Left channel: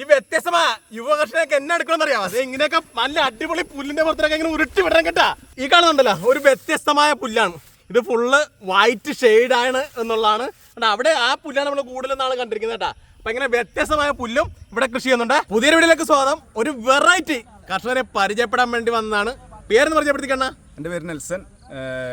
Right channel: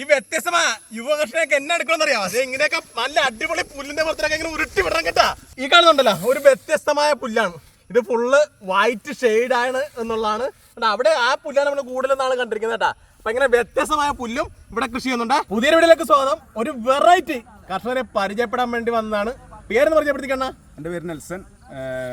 ഈ വ്യത്യസ്തമാ യുവകർഷനൊക്കെ എന്നെ എടുക്കണം അറിയാം. അത് ഇങ്ങനെയൊക്കെ നല്ല അടിപൊളി പുല്ലിന്റെ പുറത്തൊക്കെ ഇങ്ങനെ ഉരുട്ടി വിടണം കേട്ടാ. ഈ കാണുന്നുണ്ടല്ലോ ഒരു വ്യത്യസ്തമായ പുല്ലാണ്. ഇത് ഫുള്ള് വൈറ്റ് ഷെയ്ഡ് ആണ് എന്നുള്ളതാണ്. അവിടെ ആ പുല്ലാണ് നമ്മൾ കൂടുതൽ നാളെ കണ്ടിരിക്കുന്നത് കേട്ടാ. അപ്പൊ ഇങ്ങനെ വ്യത്യസ്തമായ പുല്ലും ഇവിടെ കൃഷി ചെയ്യുന്നുണ്ട്. പുതിയ വീടിലേക്ക് സ്വാഗതം. ഒരു വെറൈറ്റി കർഷകരെ പരിചയപ്പെടാൻ വേണ്ടി വന്നതാണ്. പേരെന്ന് പരിചയപ്പെടുത്തിക്കണ്ണ എന്റെ പേര് നെൽസൺ.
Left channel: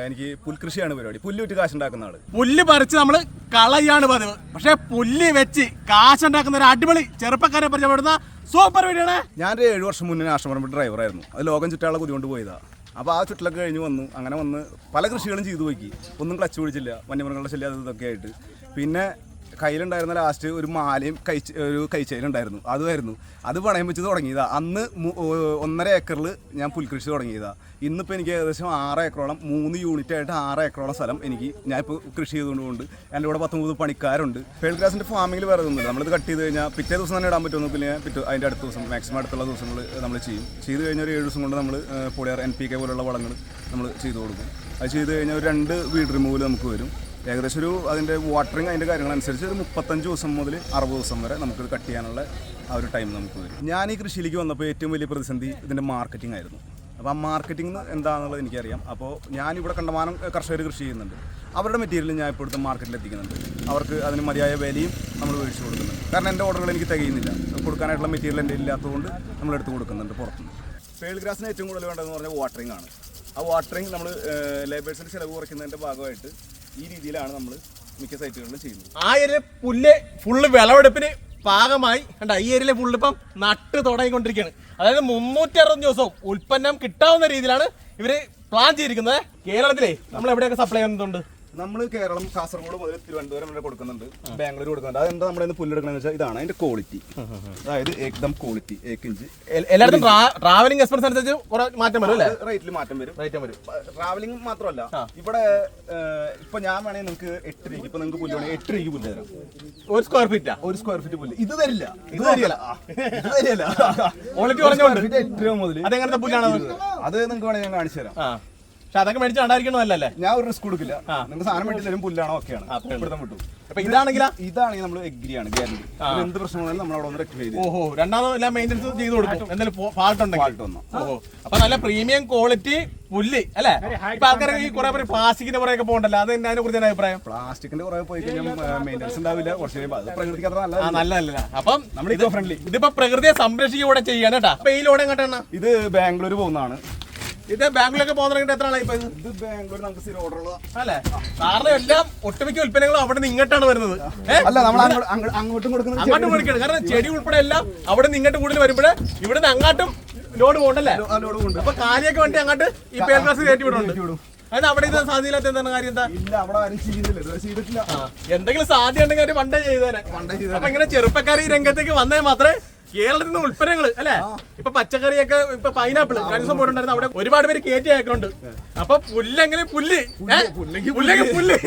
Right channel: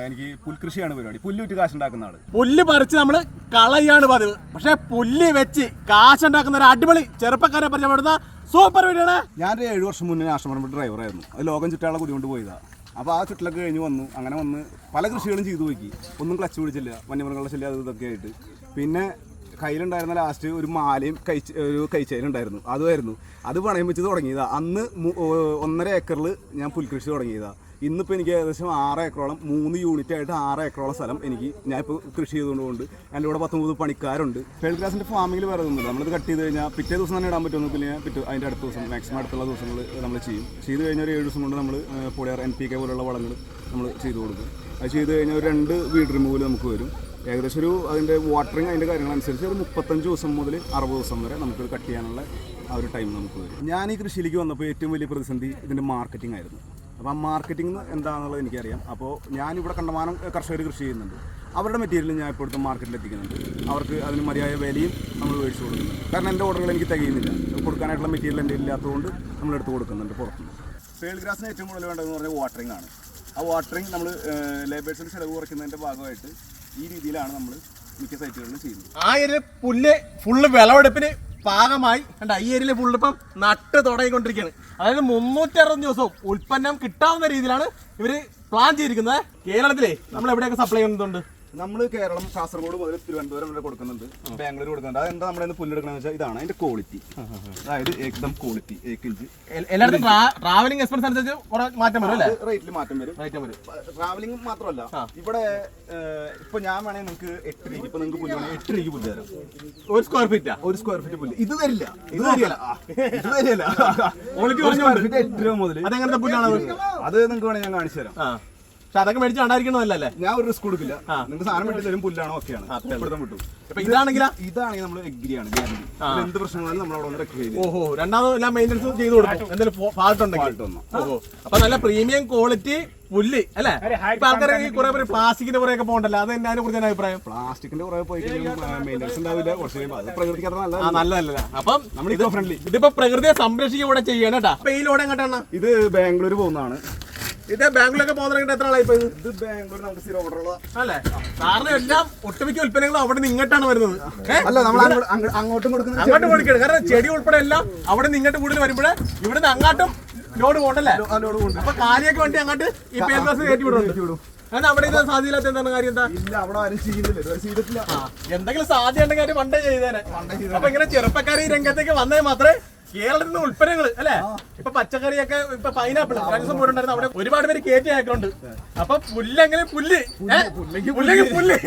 എനിക്ക് പുൽകൃഷിയാണ് പരിപാടി. പുല്ല് വിറ്റ് കാശുണ്ടാക്കുന്ന ആൾ. പുല്ല് പറിച്ച് നമ്മൾ കളയാണ് പതിവ്. പക്ഷെ പുല്ല് വെച്ച് കാശുണ്ടാക്കുന്ന ഒരു അടിപൊളി ചെറുപ്പക്കാരെ പരിചയപ്പെടുന്ന സൂപ്പർ വീടാണ്. ഞാൻ ഒരു ഏഴ് വർഷം മുന്നേ ആശ്രമം ഡ്രൈവറായിരുന്നു അത് ലോകം ചുറ്റാളെ കുതികൊണ്ട് പോയതാണ് അപ്പോൾ ആ ചുറ്റിലൊക്കെ കഴിഞ്ഞ് വന്നു. അങ്ങനെ വന്ന് പല കൃഷികളും ചെയ്തു പോയി. ഒന്നും ക്ലച്ച് പിടിച്ചില്ല. വന്യമൃഗങ്ങളുടെ ശല്യം ഇതൊക്കെ ആയിട്ട്. പിന്നെ കയ്യിലുണ്ടായിരുന്ന ലാസ്റ്റ് ഒരു മാലയും കൈ ഒരു കൈച്ചയിലുണ്ടായിരുന്നു അതുമായിരുന്നു. അത് പണയം വെച്ച് തുടങ്ങിയതാ. അന്ന് ഒന്നര ഏക്കറിൽ ഞാൻ പുൽകൃഷി തുടങ്ങിയതാ. ഇന്നിപ്പോൾ എനിക്ക് ഏകദേശം ആറ് ഏക്കറോളം മൂന്ന് യൂണിറ്റ് ആയിട്ട് ആറ് ഏക്കറോളം സ്ഥലം എനിക്ക് ഞാൻ ഇപ്പോൾ കൃഷി ചെയ്തുകൊണ്ടുണ്ട്. എന്റെ കൂടെ പത്ത് മുപ്പത് പണിക്കാരുണ്ട്. ഫേൾ ഫാമിംഗിൽ വേറെ ഒന്നുമില്ല. നമ്മളിത് കട്ട് ചെയ്ത് കഴിഞ്ഞാൽ പിറ്റേ ദിവസം തന്നെ ഇടാൻ പറ്റുമെന്ന് പിന്നെ പിറ്റേ അതിന്റെ അടുത്ത ദിവസം മാക്സിമം അടുത്തുള്ള ദിവസങ്ങൾ നമ്മൾ ചെയ്യും. ചെയ്ത് കഴിഞ്ഞാൽ ഒരു ഏഴ് ദിവസം കൊണ്ട് നമ്മൾ പൊളിയാർ എൻ പി കെ പോലുള്ള വളങ്ങൾ നമ്മൾ ചെയ്തു കൊടുക്കും. അത് ചെയ്ത് കഴിഞ്ഞാൽ ഒരു രണ്ട് വീട് റിമൂവൽ നമുക്ക് വരും. ഏകദേശം ഒരു അതിന്റെ വാട്ടറിങ് അതിന്റെ കാര്യങ്ങളനുസരിച്ച് ഒരു മുപ്പത്തഞ്ച് ദിവസം മുതൽ അറുപത് ദിവസം വരെ നമുക്ക് കട്ട് ചെയ്യാനുള്ള ആ ഒരു ടൈം നമുക്ക് വരും. ഞാൻ ഈ കൃഷിയിലേക്ക് വന്നപ്പോൾ ഏറ്റവും വലിയ പ്രതിസന്ധി ഇതിന്റെ മാർക്കറ്റിംഗ് ആയിരുന്നു. അപ്പോൾ ആ മാർക്കറ്റിംഗ് എന്താണെന്നുള്ളത് എനിക്കറിയാം. അപ്പോൾ ഞാനിവിടെ കണ്ടമാനം കർഷകർ കൃഷി ചെയ്യുന്നുണ്ട്. അവരുടെ മെറ്റീരിയൽ ഞാൻ ഇപ്പോൾ ഇവിടുത്തെ മാർക്കറ്റിൽ എത്തിക്കുന്നുണ്ട്. അവർക്ക് അതിന് മതിയായ വിലയും നമ്മൾ മേടിച്ചു കൊടുക്കുന്നുണ്ട് കാരണം എന്റെ ഓർഡറുകൾ എനിക്ക് തികയുന്നില്ല. കൊടുക്കാനായിട്ടുള്ള മെറ്റീരിയൽ എന്റെ ഇല്ലാത്തതുകൊണ്ട് നമ്മൾ എടുത്ത് കൊടുക്കുന്നുണ്ട് പുറത്തുനിന്ന് ഫീൽഡ് ഗ്രാസിന് ഏറ്റവും കൂടുതൽ വേണ്ടതെന്ന് പറഞ്ഞാൽ വാട്ടറിംഗ് ആണ്. ആ വാട്ടറിംഗ് നമ്മൾ ലേബേഴ്സിന്റെ ചിലവ് കുറയ്ക്കുന്നതിന്റെ ഭാഗമായിട്ട് ഈ രീതിയിലാണ് നമ്മൾ മിക്ക സൈറ്റുകളിലും ചെയ്യുന്നത്. ആ ഏരിയ പുല്ല് ഫുള്ള് വിളവെടുപ്പിന് പാകമായി. കണ്ട ഈ ഏരിയയിലെ പുല്ല് ഇപ്പം നട്ട് തുടങ്ങിക്കൊണ്ടിരിക്കുകയാണ്. അതായത് മുന്നൂറ്റി അറുപത് ദിവസവും ഉൽപ്പന്നം കിട്ടാവുന്ന രീതിയിലാണ് ഇവർ പ്ലാൻ ചെയ്തിരിക്കുന്നത്. കേരളത്തിലെ നമ്മൾ എവിടെയൊക്കെ സപ്ലൈ ചെയ്യുന്നുണ്ട്? നമ്മൾ കേരളം കാസർഗോഡ് മുതൽ തിരുവനന്തപുരം വരെ കൊടുക്കുന്നുണ്ട്. ബാംഗ്ലൂർ കൊടുക്കുന്നുണ്ട്. അതെന്താ നമ്മുടെ പുല്ലെടുക്കണമെന്ന് വെച്ചാൽ ഇതാണ് അതിന്റെ ക്വാളിറ്റി അതായത് ഏകദം ക്വാളിറ്റി ഏക്ക് ഇഞ്ച്. എല്ലാവർക്കും എല്ലായിടത്തും ട്രാവലിംഗ് എക്സ്പെൻസ് അനുസരിച്ച് മാറ്റം വരും റേറ്റിൽ മാറ്റം വരും. റേറ്റ് വരും. ട്രാവലിംഗ് മാത്രമല്ല. ഇവിടെ ഇപ്പൊ ഞാൻ വേണേ നിങ്ങൾക്ക് എട്ട് രൂപ ഇപ്പൊ നിങ്ങൾക്ക് പുല്ല് വേണേ എട്ട് രൂപയ്ക്ക് പുല്ല് തരും. ഒരു സ്ക്വയർ ഫീറ്റ് ഒരു സ്ക്വയർ ഫീറ്റ് പുല്ല്. ഇത് തരില്ല. ഇത് തരില്ല. ഇത് തരില്ല. ക്വാളിറ്റി പറഞ്ഞുകൊണ്ട് എട്ട് രൂപ മുതൽ അതെങ്ങനത്തെ പുല്ലാണ് അത് നിങ്ങൾക്ക് വേണമെങ്കിൽ ഞാൻ കാണിച്ചു തരാം. പക്ഷെ അതൊക്കെ മേടിച്ച് കണ്ടായിരിക്കണമല്ലേ ഞാൻ ഒരു റിസ്ക് കൊടുക്കില്ല. നിങ്ങൾ സാധനം വേണ്ടി തരും പുല്ലാണ് ഓക്കെയാണ് വിട്ടു അപ്പൊ ഇതാണെങ്കിൽ ഇതാണെങ്കിൽ നമ്മൾ എഗ്രിയാണ് ഗ്യാരണ്ടി എന്ത് പ്രശ്നങ്ങളും നമ്മൾ അവിടെ ഒന്ന് ചെയ്ത് ഓഹോ രണ്ടാമത് എല്ലാം മെയിന്റെ ചെയ്ത് കൊടുക്കും. എന്തെങ്കിലും ഫാൾട്ട് ഉണ്ടെങ്കിൽ. ഓഹോ. അപ്പൊ നല്ല പ്രീമിയം ക്വാളിറ്റി പുല്ല് അല്ലെ? ഇപ്പൊ ആൾക്കാർ ഈ കുറെ പേര് പ്ലാസ്റ്റിക്കിന്റെ പുറകെ പോകണ്ടല്ലോ. അത് അതിനെ കുറിച്ച് അഭിപ്രായം? പ്ലാസ്റ്റിക്കിന്റെ കുറെ പോയി കഴിഞ്ഞാൽ ഉണ്ടാവില്ല. പക്ഷേ അത് പ്രകൃതിക്ക് നല്ല ആ നല്ലതല്ല അപ്പം നമ്മൾ ഇത് ഫ്രണ്ട്ലി ഇതിപ്പോ പ്രകൃതിയെ സംരക്ഷിക്കുക കൂടെ ചെയ്യണം കേട്ടാ അപ്പൊ ഈ ലോഡ് എങ്ങോട്ടാണ്? ഇത് ബാംഗ്ലൂർ പോകുന്നതാണ്. ഇത് ബാംഗ്ലൂരൊക്കെ പോകുന്ന എത്ര ആളായി ഇത്? ബാംഗ്ലൂർ നമുക്ക് സ്ഥിരം ഓർഡറുള്ള അല്ലേ? കാരണം എല്ലാം ഒട്ടുമിക്ക ഉൽപ്പന്നങ്ങളും അവിടെ നിന്ന് ഇങ്ങോട്ടാണ് വരുന്നത്. അല്ല നമ്മൾ അങ്ങോട്ടും കൊടുക്കുന്നത് അങ്ങോട്ട് കൊടുക്കണം കാരണം ചെടി ഉൾപ്പെടെ എല്ലാം അവിടെ നിന്ന് ഇങ്ങോട്ട് കൂടുതൽ വരുമ്പോഴേ ഇവിടുന്ന് അങ്ങോട്ടും ലോഡ് പോകണ്ടല്ലേ? അപ്പൊ കാര്യമൊക്കെ വേണ്ടി അങ്ങോട്ട് ഈ പേപ്പർ കയറ്റി വിടുന്നുണ്ട്. അത് അവിടെ എന്താണ് കാര്യം? എന്താ? ഇല്ല അവിടെ ആരും ചെയ്യുന്നില്ല ഇതുവരെ ചെയ്തിട്ടില്ല. എന്തെങ്കിലും സാധ്യത ഉണ്ടെങ്കിൽ അവർ പണ്ടേ ചെയ്തേനെ. അപ്പൊ ഇങ്ങനെ ചെറുപ്പക്കാർ ഈ രംഗത്തേക്ക് വന്നേ മാത്രമേ കേരളത്തിൽ നിന്ന് ഉൽപ്പന്നങ്ങൾ അല്ലെ? ഇപ്പൊ പച്ചക്കറിയൊക്കെ ഇപ്പൊ പൈനാപ്പിൾ കഴിഞ്ഞ ദിവസം പോയിട്ടുണ്ടായിരുന്നു അവിടെ ഒരുപാട് പേര് കയറ്റി ആക്കുന്നുണ്ട് അപ്പൊ പുല്ലെങ്ങനെ പുല്ല്? പുല്ലെങ്കിൽ പുല്ല്.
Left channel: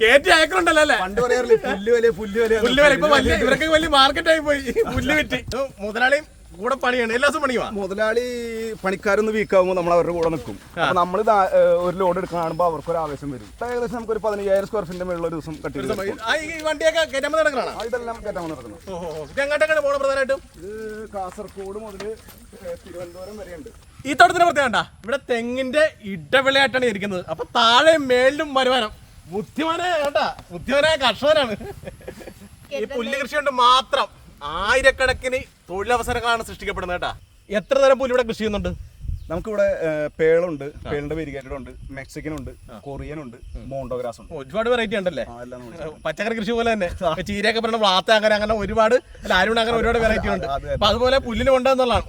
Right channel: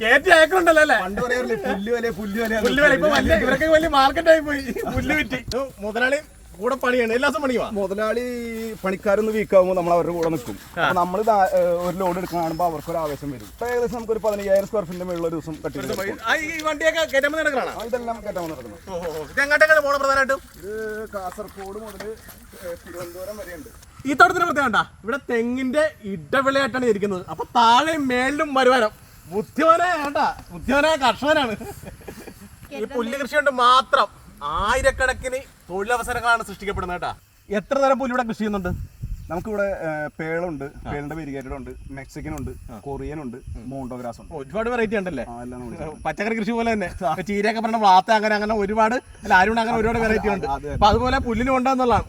കയറ്റി ആക്കുന്നുണ്ടല്ലോ അല്ലെ? പുല്ല് വില പുല്ല് വില ഇപ്പൊ വലിയ ഇവരൊക്കെ വലിയ മാർക്കറ്റായി പോയി. പുല്ല് കിട്ടി. മുതലാളി കൂടെ പണിയാണ്. എല്ലാ ദിവസം പണിയുവാ? മുതലാളി പണിക്കാരൊന്ന് വീക്കാവുമ്പോൾ നമ്മൾ അവരുടെ കൂടെ നിൽക്കും അപ്പൊ നമ്മൾ ഒരു ലോഡ് എടുക്കാൻ കാണുമ്പോൾ അവർക്ക് ഒരു ആവേശം വരും. ഏകദേശം നമുക്ക് ഒരു പതിനയ്യായിരം സ്ക്വയർ ഫീറ്റിന്റെ മേളിൽ ഒരു ദിവസം കട്ടി ഈ വണ്ടിയൊക്കെ ഇതെല്ലാം കയറ്റാൻ നടക്കുന്നത് ഇത് എങ്ങോട്ടൊക്കെയാണ് പോണ പ്രധാനമായിട്ടും? ഇത് കാസർഗോഡ് മുതൽ തിരുവനന്തപുരം വരെയുണ്ട്. ഈ തോട്ടത്തിന് പ്രത്യേകണ്ട ഇവിടെ തെങ്ങിന്റെ ഇടവിളയായിട്ടാണ് ഇരിക്കുന്നത്. അപ്പൊ താഴെ മേളിലും വരുമാനം ബുദ്ധിമാനായ കേട്ടാ ബുദ്ധിമാനായ കർഷകനാണ്. ഈ പുല്ല് കൃഷി കൊണ്ട് മാത്രം ആയിരക്കണക്കിന് തൊഴിലവസരങ്ങളാണ് സൃഷ്ടിക്കപ്പെടുന്നത് കേട്ടാ. എത്ര തരം പുല്ല് ഇവിടെ കൃഷി ചെയ്യുന്നുണ്ട്? നമുക്കിവിടെ പേളുണ്ട്. പേളിന്റെ വെരിഗേറ്റഡ് ഉണ്ട് മെക്സിക്കൻ ഉണ്ട് കൊറിയൻ ഉണ്ട് മോണ്ടോഗ്രാസ് ഉണ്ട് ഒരുപാട് വെറൈറ്റി ഉണ്ടല്ലേ പച്ചക്കറി കൃഷി പോലെ തന്നെ. ചീരയൊക്കെ പറഞ്ഞ വാത്ത അങ്ങനെ അങ്ങനെ ഒരുപാട് അല്ല ആരും അങ്ങനെ ഒരുപാട് വെറൈറ്റി ഉണ്ട്. അപ്പൊ അതുപോലെ പുല്ലിന് കൊണ്ടെന്നുള്ളതാണ്